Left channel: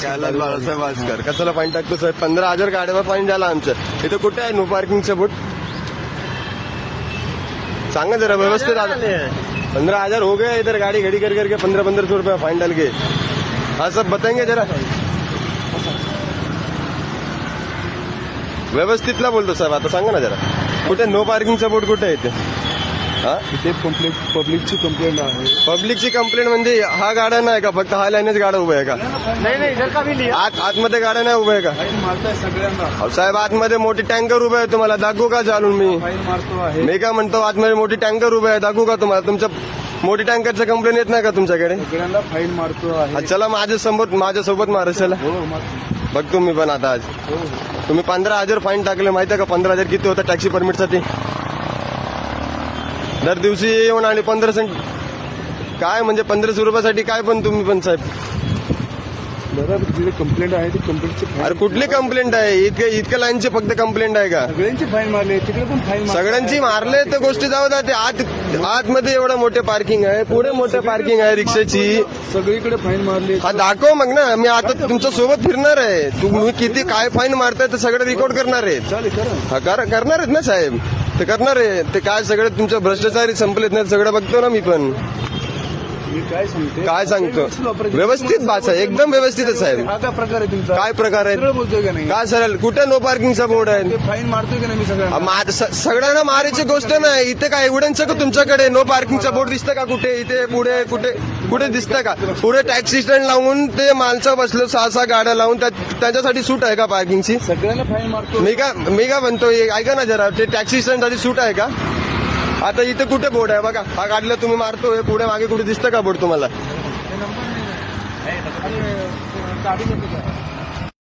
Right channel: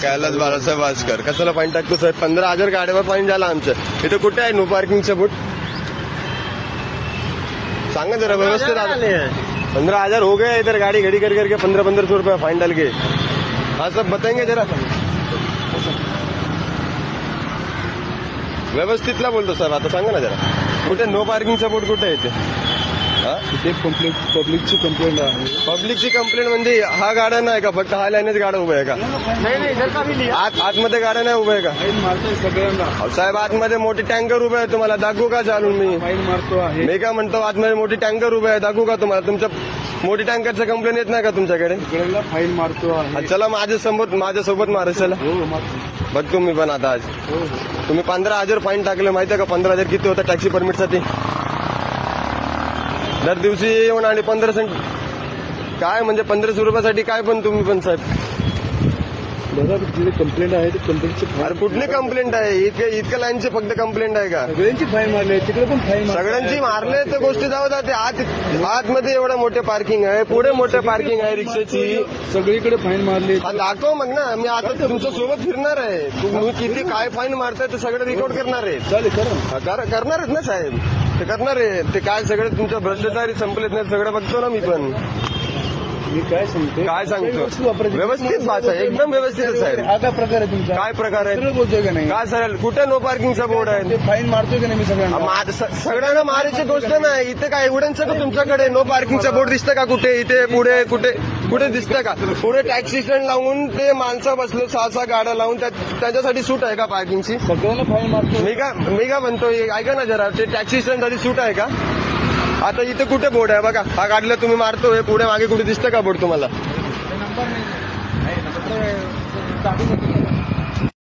कैलास बाळासाहेब वासकर कशाला फाईन टाकतो साहेब? 15,000 गाड्यावर फाईन झाला आमचं. इथे कुठे आहे नो पार्किंगचं बोट? सांगा जरा व्यवस्थित. 15,000 हो गए इधर गाड़ी घड़ी कर करके 1500 रुपये फाइन डाल के. हाँ सब बताएंगे जरा व्यवस्थितला बोलतो साहेब. आता सांगा ना जरा कुठे नो पार्किंगचा बोर्ड कुठे आहे? इथे पब्लिकची कंप्लेंट आहे. पब्लिकची कंप्लेंट म्हणजे हा गाड्या नाही का? फक्त हा लाईनच गाड्या उभ्या आहे का? नाही जर का आतमध्ये गाड्या नाही उभ्या आहे का? मारताय सगळ्यांना साहेब. आतमध्ये मोठी टँकर उभे आहे. तुम्हाला दाखवू का चालून? मी काय म्हणतो आतमध्ये मोठी टँकर उभे आहे. दाखवू का तुम्हाला? तुमच्या मोठी टँकरचं कंप्लेंट येत नाही का तुमच्याकडे? सगळ्यांना फाईन मारतो आहे. चला माझ्यासोबत मारशाला बघतो मी पण आता. आज तुम्ही 15,000 फाईन टाकले माहिती आहे का? 15,000 किती होतं टॅक्सी परमिटसाठी? दर दिवशी येऊन आणि 1500 काय म्हणजे 1500 रुपयासाठी काय पण तुम्ही पण साहेब. बरोबर कंप्लेंट आहे. कंप्लेंटची अरे कुठली कंप्लेंट आहे? इतक्या लाईनची फक्त कंप्लेंट आहे का? सगळ्यांची फाईन मारले. तिकडे पण फाईन सगळ्यांची मारले तर गोष्टी जाऊ द्या. आतमध्ये एवढं मोठे पार्किंग आहे. पुढे मोठे पार्किंग आहे रिक्षाची. सगळीकडे फाईन मारले. दाखव मग ना. मी आता तुमच्या सोबत फिरणार आहे. तुम्ही किती काय फाईन मारताय ते सगळं रेकॉर्ड करणार आहे. चालेल करणार आहेत ना साहेब? ते करणार आहे. ते काय सगळं तुमच्या भ्रष्टाचारी संपलेत नाही सगळं बघतो ना मी पण. काय सांगतो व्यवस्थित भाषा एकदम व्यवस्थित आहे साहेब. आता प्रकार आहे तुमचा. काय प्रकार आहे? काय सर कुठे नो पार्किंगचा बोर्ड आहे? फाईन मारतोय की नाही मी सगळ्यांना मारायची गोष्ट नाही. इथे काय एव्हिडन्स का तुमच्याकडे? नो पार्किंगचा बोर्ड दिसतं का कुठे? इथे पुढे कुठे दिसतं का? पुढे टॅक्सी स्टँड लावून ते माणसं बसलो 6 गाड्या लावून त्याच्यासाठी सूट आहे का पार्किंगची? सगळ्यांना फाईन मारतो. मी काय म्हणतो ऐका ना जरा. ते टॅक्सी स्टँड साठी सूट आहे का? आता इथे कुठे बोर्ड आहे बघा. हा गाडीला तुम्ही मारतोय. पुढे मागे कुठे दिसतं का बोर्ड तुम्हाला?